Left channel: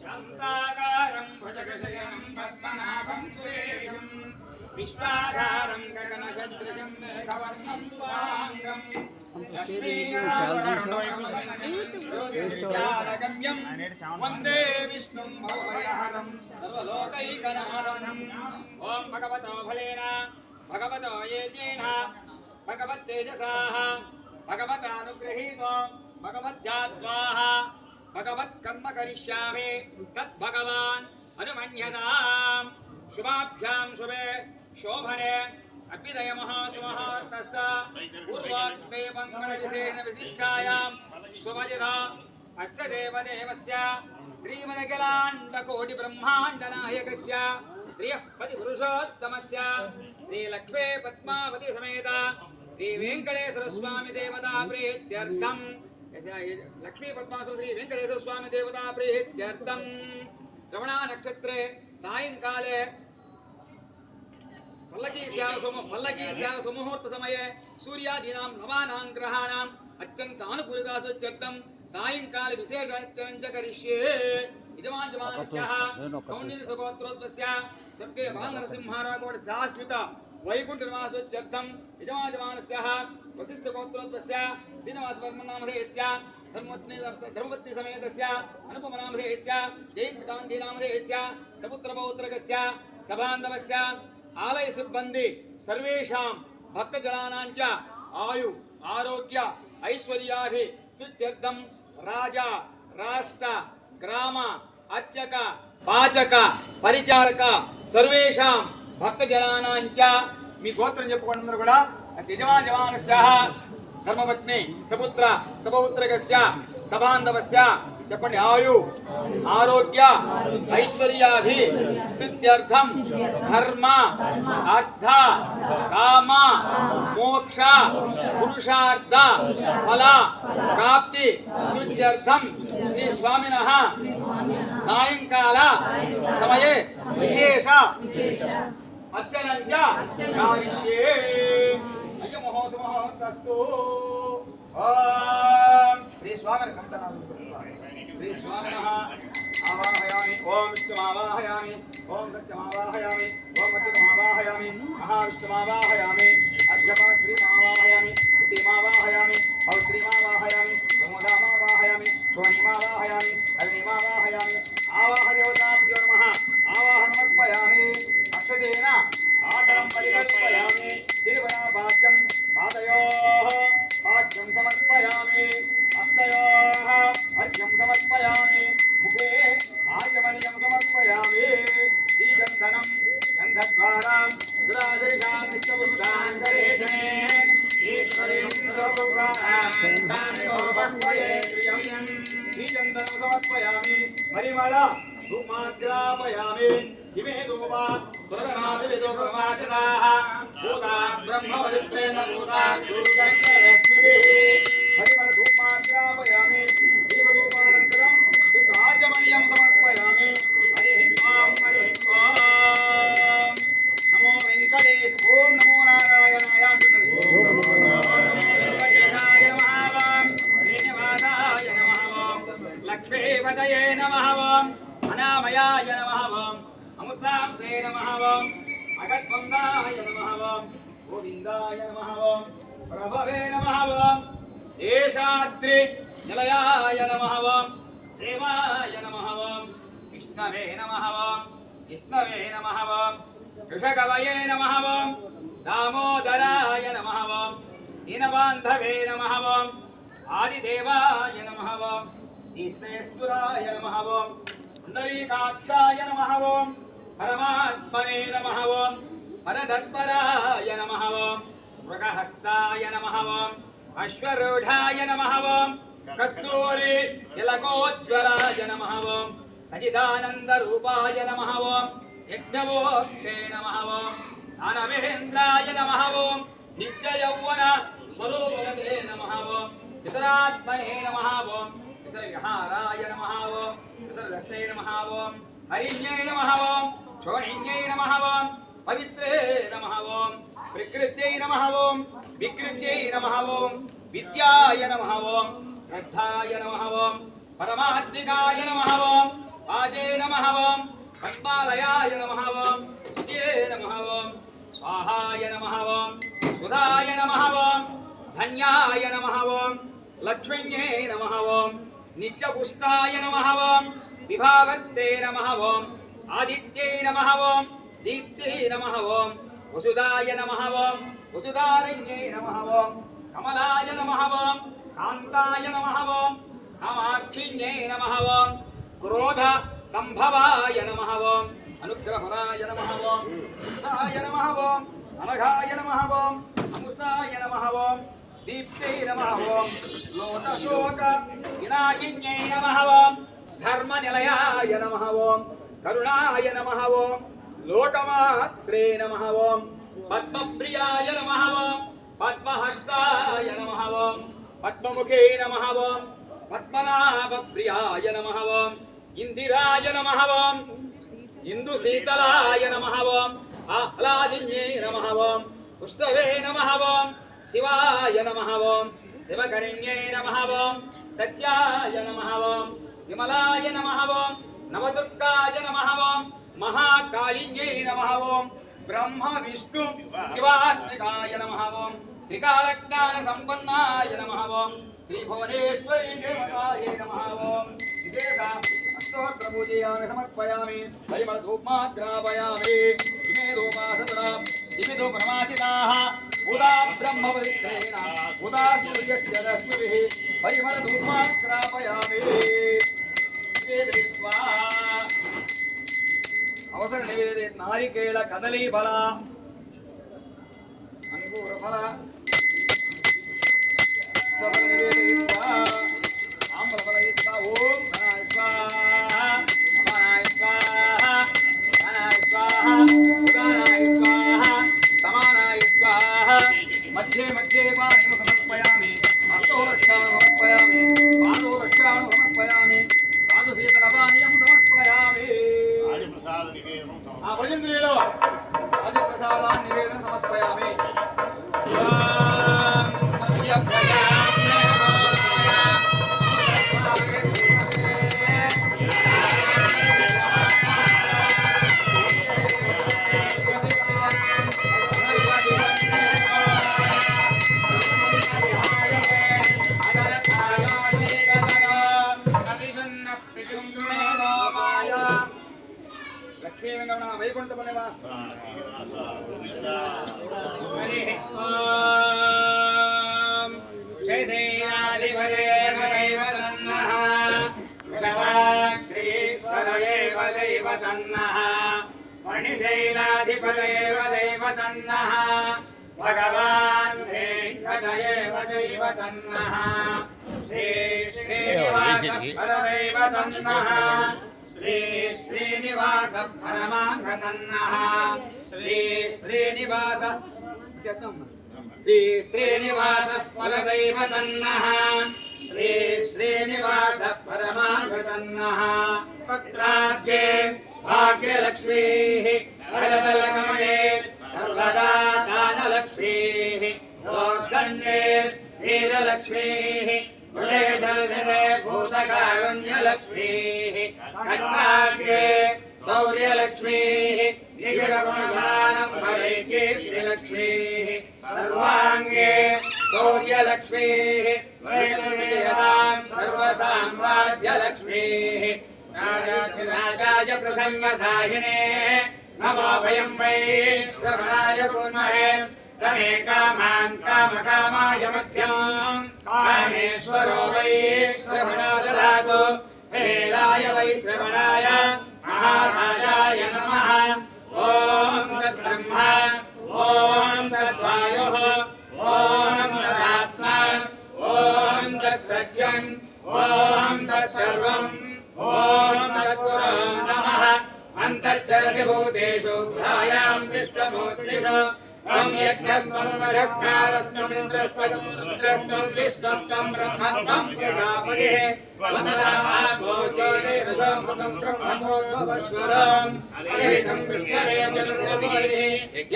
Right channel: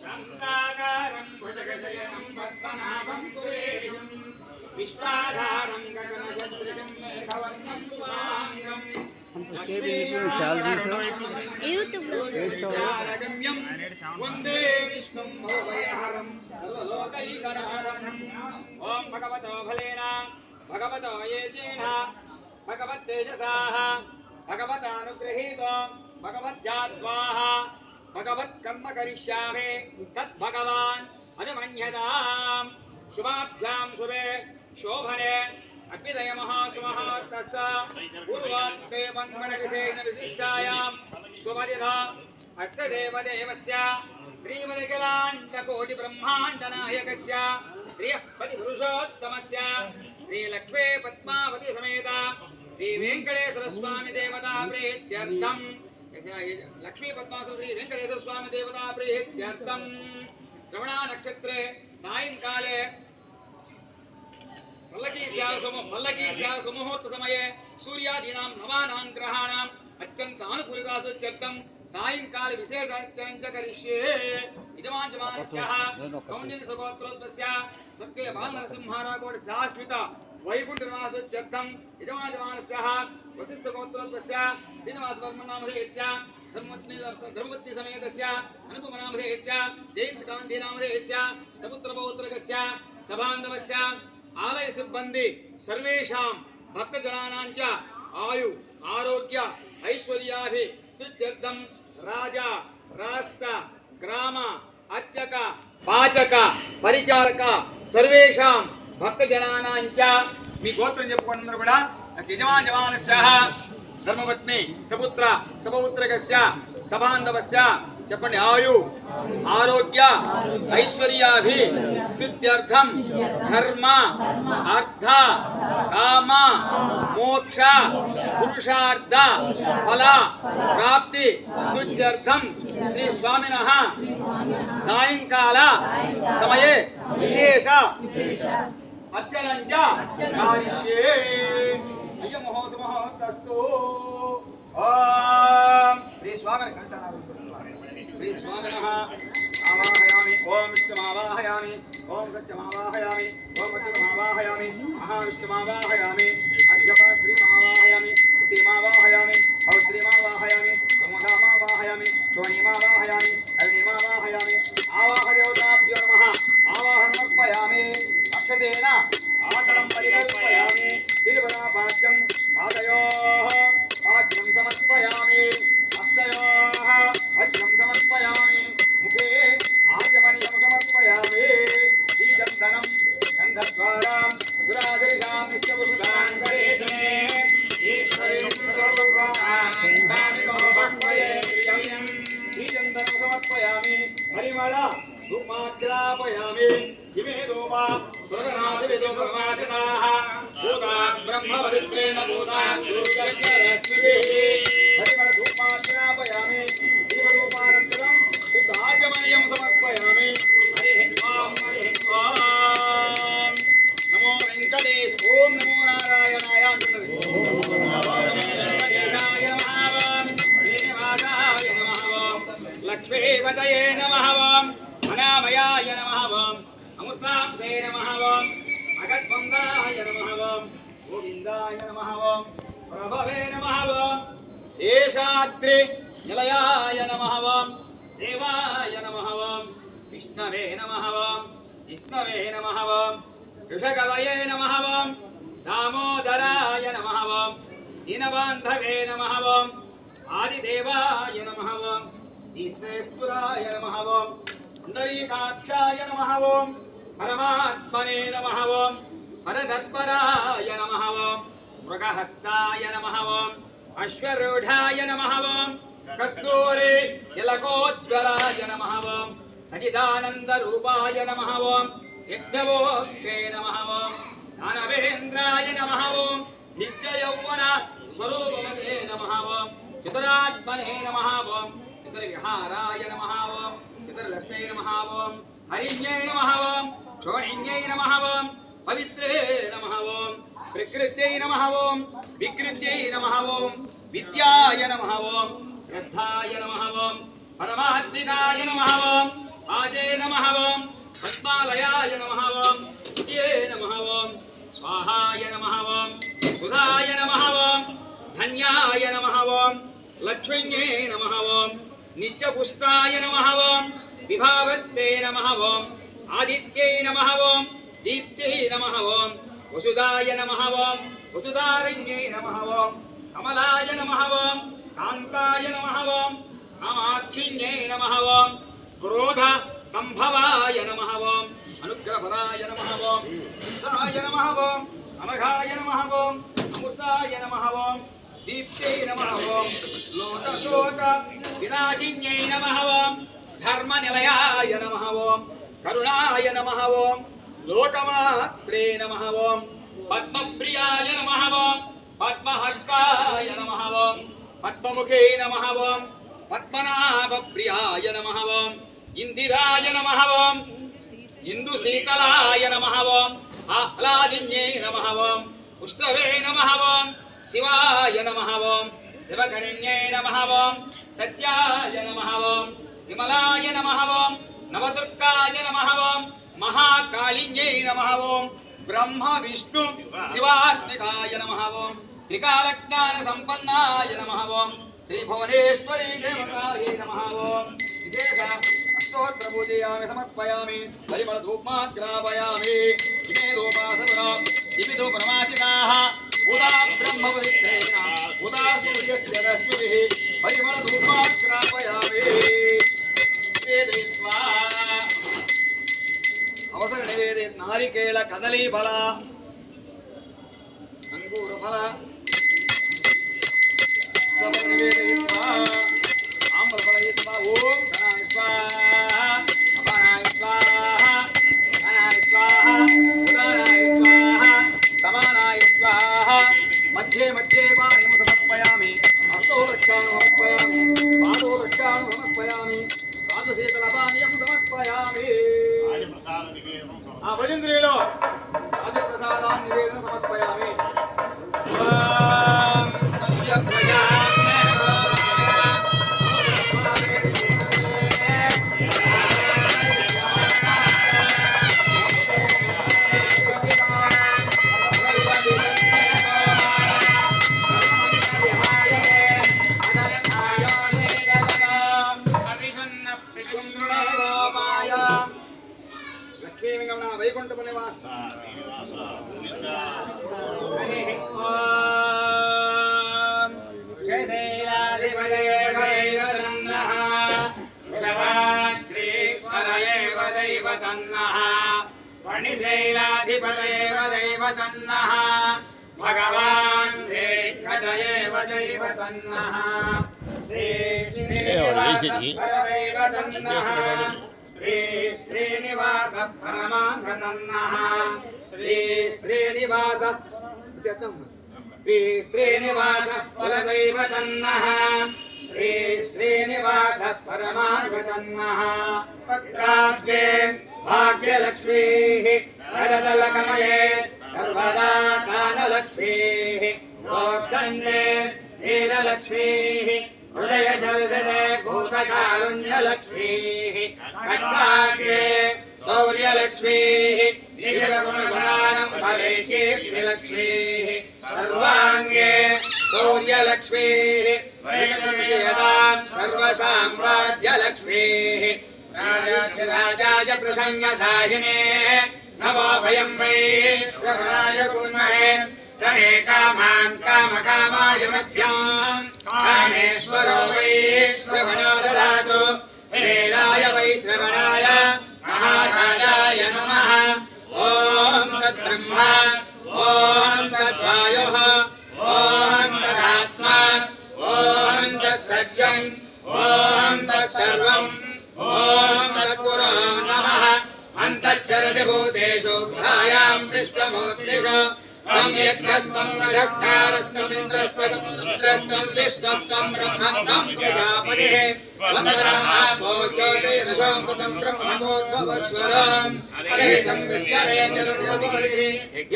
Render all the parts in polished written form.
शान्ताकारं भुजगशयनं पद्मनाभं सुरेशं विश्वाधारं गगनसदृशं मेघवर्णं शुभाङ्गम् वंदे विष्णुं भवभयहरं सर्वलोकैकनाथं ओं भगवतो फलेन भगवतो येजेन भगवत्तेजसाः भगवतानुगृहीतो भगवज्जात्वाः भगवत्कर्म करिष्यामि तद्भगवान् अनुमन्यताम् शुभाभ्यां शुभे शोभने अभ्युदय महासुमहार्तस्त पूर्वात्ते मंगलविशेषण विशिष्टायां स्वमर्यादा अस्य देवदेवस्य श्रीमदखिलाण्डकोटि ब्रह्माण्डनायकस्य श्रीपतिपुरुषोत्तमस्य श्रीलक्ष्मी पद्मावती समेत श्रीवेंकटेश्वर स्वामी देवता प्रीत्यर्थं लक्ष्मी पद्मासु श्री वेंकटेश्वर स्वामी देवता प्रीत्यर्थं श्रवणा नक्षत्रे सायंकाले पल्लकी स्याव सुमुहूर्त समये सूर्यादीनां नवानां ग्रहाणाम् अत्यन्तानुकूलितासुत्यर्थं सायंकाल विशेष अर्चनं करिष्ये यजमानस्याः कौण्डिन्यसुगोत्रोद्भवस्य सर्गे बालनरसिंहाराकोटि शाश्वत वैकुण्ठनिवासोत्यर्थं यजमानस्याः वसिष्ठगोत्रोद्भवस्य श्रीनिवासवर्मन्नामधेयस्य धर्मपत्नी समेतस्य अनुपमनामधेयस्य जयन्तकान्तिनामधेयस्य सपुत्रपौत्रकस्य सबान्धवस्य आलय सिब्बंदी सर्वेषां भक्तजनानां च आयु आरोग्य ऐश्वर्याभि सुत्यर्थं राजा राष्ट्र ग्राम अर्चक पाचक परिचारक सर्वेषां भक्तजनानां च मी गोत्रं చెప్పుకోండి కూడా యజమానస్యాః धर्मपत्नी सपुत्र सपौत्रकस्य सबान्धवस्य చెప్పండి ఆయు ఆరోగ్య ఐశ్వర్యాభి సిద్ధ్యర్థం ధర్మ అర్థ కామ మోక్ష పురుషార్థ ఫల ప్రాప్తి సిద్ధ్యర్థం శ్రీ స్వామినః సాయంకాల సమయే విశేష అర్చనం చ కారిష్యే అయ్య మహోత్సవస్తు ఓం శ్రీ స్వామిని కంఠనాలు श्री स्वामिनः आवाहयामि ओम विष्णुमावाहयामि ओम सत्यमावाहयामि ओम वचनमावाहयामि महाविष्णुमावाहयामि अर्घ्यपात्रीमावाहयामि स्तुतिमावाहयामि पौत्रीमावाहयामि प्रमोदामावाहयामि श्रोणीमावाहयामि अग्निमावाहयामि आवाहदेवताभ्यो नमः आवाहनमर्पयामि अक्षतेन आसनं परिकल्पयामि तिरुवनापाद्यं पादयोः पाद्यं समर्पयामि हस्तयोः अर्घ्यं समर्पयामि मुखे आचमनीयं समर्पयामि श्रीचन्दनं गन्धद्वारां दुराधरिषां नित्यपुरुषां करेशमे ईश्वरीं श्रीचन्दनं समर्पयामि परिमल धूमाग्रापयामि इमे धूपा सुरनाथविदुपवासिताः भूता ब्रह्मवरित्रेण भूता सूर्यस्मृतिः परिमल धूमाग्रापयामि दीपधूपानन्तरं शुद्धाचमनीयं समर्पयामि हरिः ॐ नमो वेङ्कटेश ॐ नमो नारायणाय वेङ्कटेशाय नमः श्रीनिवासाय नमः लक्ष्मीपतये नमः अनामयाय नमः अमृतांसे नमः अगद्वन्दाय नमः गोविन्दाय नमः प्रभवे नमः शेषाद्रि निलयाय नमः देवाय नमः विष्णवे नमः विष्णवे नमः ऋषगवये नमः दामोदराय नमः दीनबान्धवे नमः आदिदेवाय नमः ईश्वरेश्वराय नमः पुण्डरीकाक्षाय नमः परमात्मने नमः परदत्पराय नमः मृगहस्ताय नमः अश्वरूढाय नमः कस्तूरी तिलकोज्ज्वलाय नमः सचिदानन्दरूपाय नमः यज्ञवोक्ते नमः दानवेन्द्राय नमः नित्ययौवन स्वरूपवते नमः चितरात्मने नमः चित्रविहाराय नमः चित्रलक्ष्मै नमः हरिण्यै नमः क्षोणिन्यै नमः पवित्रे नमः प्रकृत्यै नमः विकृत्यै नमः विद्याय नमः ग्रन्थाय नमः ओम परमात्मिकाय नमः ओम आजे नमः ओम पद्मालयाय नमः ओम विजये नमः ओम स्वाहाय नमः ओम सुधाय नमः ओम धन्याय नमः ओम लक्ष्म्ये नमः ओम नित्यपुष्टाय नमः ओम विभावत्ते नमः ओम आदित्ये नमः ओम दीप्ते नमः ओम वसुदाय नमः ओम वसुधारण्ये नमः ओम कमलाय नमः ओम कान्ताय नमः ओम कामाक्षिण्ये नमः ओम क्रोध संभवाय नमः ओम अनुग्रहपदाय नमः ओम बुद्धाय नमः ओम अनघाय नमः ओम अमृताय नमः ओम दीप्ते नमः ओम लोटशोक विनाशिन्यै नमः ओम धर्मनिलयाय नमः ओम करुणाय नमः ओम लोकमात्रे नमः ओम पद्मप्रियाय नमः ओम पद्महस्ताय नमः ओम पद्ममुखे नमः ओम पद्मनाभप्रियाय नमः ओम इंदिराय नमः ओम इंदुशीतलाय नमः ओम आह्लादिन्ये नमः ओम पुष्टवे नमः ओम शिवाय नमः ओम शिवकरिण्ये नमः ओम सत्याय नमः ओम विमलाय नमः ओम नवदुर्गाय नमः ओम महाकालिन्ये नमः ओम ब्रह्म विष्णु शिवात्मिकाय नमः ओम त्रिकालज्ञान संपन्नाय नमः ओम श्री भुवनेश्वरी देवतायै नमः ओम विशेष अष्टोत्तर पूजयामि समर्पयामि परिमल धूपमाग्रापयामि इमे धूपासुरा इमे धूपमासिताः उदा ब्रह्मपवित्रेण उदा सूर्यस्य रश्मिभिः परिमल धूपमाग्रापयामि वेदयित्वा अवसर निवेदे नारिकेल कदली फल अंगूर फल निवेदयित्वा आम्रफलयित्वा ओम गणाय स्वाहा अपानाय स्वाहा गणाय स्वाहा उदानाय स्वाहा समानाय स्वाहा मध्ये मध्ये पाणिं समर्पयामि हस्तो रक्षां समर्पयामि पादो रक्षां समर्पयामि साधुशीतलपानीयं समर्पयामि भजन्द्रीलो आदिप्रसादान् निवेदन समर्पयामि लक्ष्मी गमन वैकुंठ निवास हरि ओम शैशैलाधिपदेव दैवतन्नः भगवाग्रीश्वरयेव दैवतन्नः फणिशैलाधिपदेव दैवतन्नः भगवान् वेङ्कटयेव दैवतन्नः श्री श्रीनिवासपरदैवतन्नः श्री श्रीनिवास परमांगतन्नः श्री श्रीनिवास श्री श्रीनिवास परदैवतन्नः श्री श्रीनिवास परमांगतन्नः पत्राब्जे भाग्यलक्ष्मीः वरदलकमले सर्वदा दानलक्ष्मीः मोक्षदण्डे वीरलक्ष्मीः हृदय सरसते भूतकारुण्यलक्ष्मीः कट्वाग्रे शौर्यलक्ष्मीः दिव्यगुणगुणानम्बरे कीर्तिलक्ष्मीः सर्वाङ्गे शौर्यलक्ष्मीः वैष्णवविजयदां सर्वसाम्राज्यलक्ष्मीः राजाय प्रसन्नसाहिने नमो वयं वै श्रवणाय कुर्महे समे कामान् कामकामाय मध्याम् कामेश्वरो वै श्रवणो ददातु वेदाय वै श्रवणाय महाराजाय नमः ॐ तद्ब्रह्मा ॐ तद्वायुः ॐ तदात्मा ॐ तत्सत्यम् ॐ तत्सर्वम् ॐ तत्पुरो नमः अन्तर्चरति भूतेषु ध्यायां विश्वमूर्तिषु त्वं यज्ञस्त्वं रक्षकारस्त्वं इन्द्रस्त्वं रुद्रस्त्वं विष्णुस्त्वं ब्रह्मस्त्वं प्रजापतिः त्वं ज्योते दशामृतं ब्रह्मोद्भवस्वरम् अग्निजं विष्णवे चरुर्यवरिः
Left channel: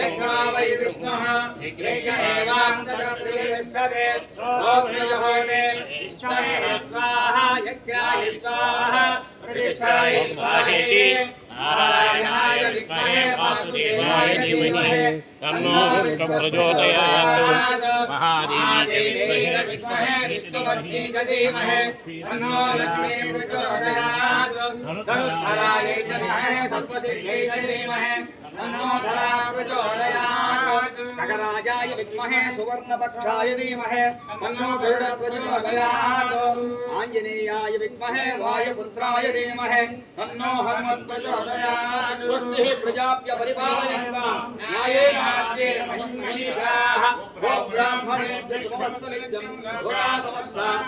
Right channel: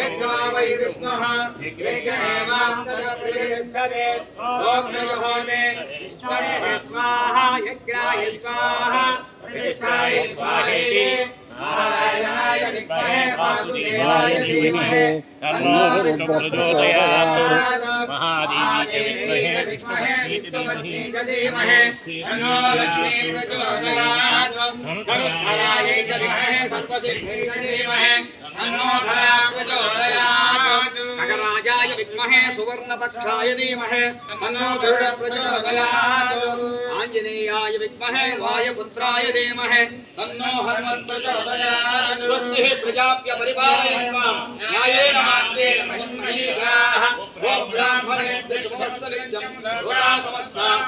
यज्ञो वै विष्णुः यज्ञ एवान्तरप्रतिष्ठते ओग्नजहोते विष्णवे स्वाहा यज्ञाय स्वाहा प्रतिष्ठाय स्वाहेति नारायणाय विद्महे वासुदेवाय धीमहि तन्नो विष्णुः प्रचोदयात् महादेवीचे विद्महे विष्णुपत्नी च धीमहि तन्नो लक्ष्मी प्रचोदयात् धनुर्धरायै च विद्महे सर्वसिद्ध्यै च धीमहि तन्नो धरा प्रचोदयात् खगराजाय विद्महे सुवर्णपक्षाय धीमहि तन्नो गरुड प्रचोदयात् आञ्जनेयाय विद्महे वायुपुत्राय धीमहि तन्नो हनुमत् प्रचोदयात् स्वस्तिः प्रजाप्य परिपालयन्तां न्यायेन मार्गेण महिषाः गो ब्राह्मणेभ्यः शुभमस्तु नित्यं लोकाः समस्ताः